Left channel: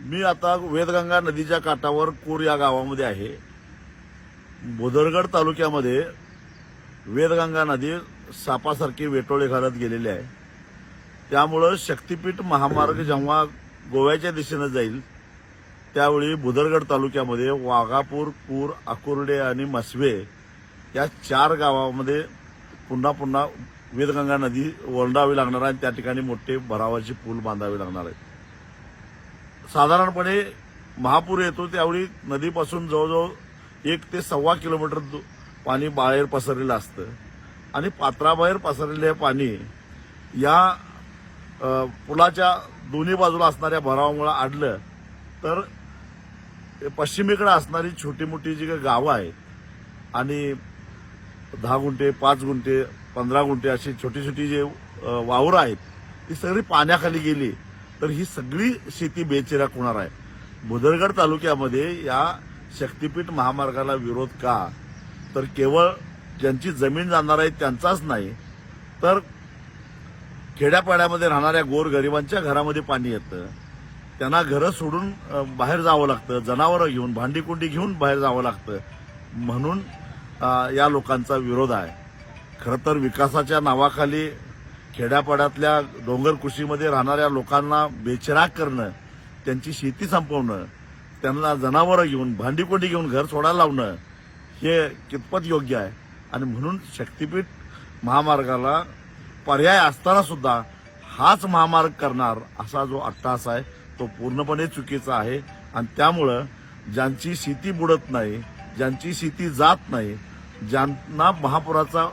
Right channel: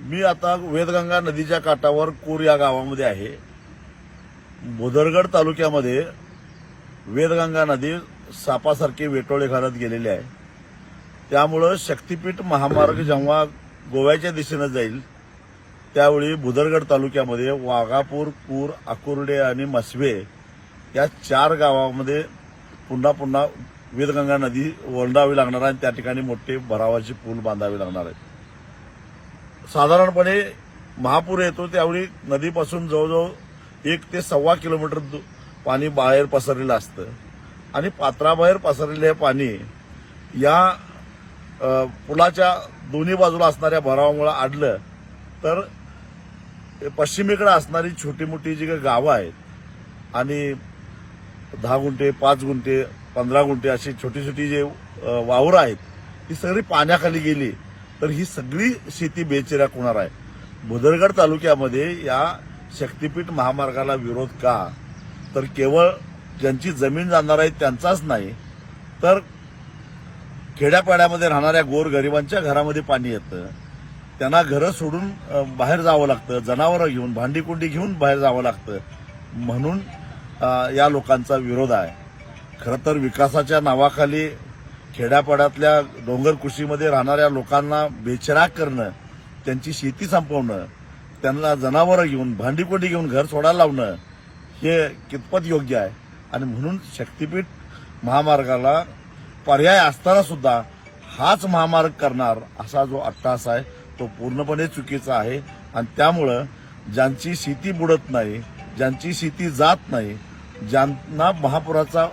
मी आता वेदगंगा नदीच्या काठावर कूर या गावामध्ये आहे. भुदरगड तालुक्यामध्ये वेदगंगा नदी सापासारखी वेटोळे घालत गेलेली आहे. त्यामुळं शक्तीपीठ महामार्ग जेव्हा गोव्याच्या दिशेनं जाईल त्यावेळी भुदरगड तालुक्यामध्ये वाघापूर कूर आकुर्डे आणि मसवे या चार गावामध्ये पुन्हा पुन्हा वेदगंगा नदी वळणावी लागणार आहे आणि त्या ठिकाणी मोठे भरावाचे पूल बांधावे लागणार आहेत साधारणपणे महापूर येतो त्यावेळी नदीपासून जवळजवळ एक ते सव्वा किलोमीटर पाणी बाहेर पसरलेलं असतं. आणि पात्राबाहेर पसरलेलं हे पाणी या पुलाच्या दोन्ही बाजूला असणाऱ्या भरावामुळे आडलं तर पश्चिमेकडे असणारी छोटी मोठी जी काही गावं आहेत आणि दहा गुंठे पाच गुंठे पंधरा गुंठे अशी छोटी छोटी जे वावरं आहेत ती सगळी पाण्याखाली गेली. तर ही सगळी शेती बेचिराक होणार आहे. भुदरगड तालुक्यामध्ये या शक्तीपीठ महामार्गाला विरोध का? तर केवळ ज्यांची जमीन जाणार आहे त्यांचाच नाही तर खेड्यापाड्यामध्ये राहणाऱ्या गोरगरिबांच्या घरामध्ये पाणी येतं. त्यांना घरं सोडून बाहेर जावं लागतं जनावरं घेऊन भांडीकुंडी घेऊन बाहेर जावं लागतं. म्हणून या लोकांचा विरोध आहे. खरं तर विकासाच्या नावाखाली खेड्यापाड्यातल्या डोंगर कृषीमध्ये राहणाऱ्या लोकांना बेचराग करणं त्यांची शेती संपवणं त्यांना जनावरं घेऊन भांडीकोंडी घेऊन घर सोडायला लावणं हे कितपत योग्य आहे? आणि म्हणून शक्तीपीठ महामार्गाला पर्याय असताना सुद्धा हाच महामार्ग करणार असा जो अट्टास आहे तो पूर्णपणे चुकीचा आहे. आणि त्यामुळं ज्यांची शेती बुडत नाही ज्यांची शेती जात नाही ज्यांना महापुराचा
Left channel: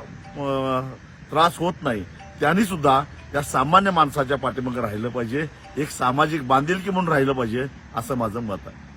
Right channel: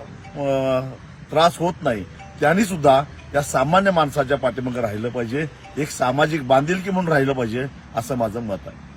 त्रास होत नाही त्यांनी सुद्धा या सामान्य माणसाच्या पाठीमागे राहिलं पाहिजे. एक सामाजिक बांधिलकी म्हणून राहिलं पाहिजे असं माझं मत आहे.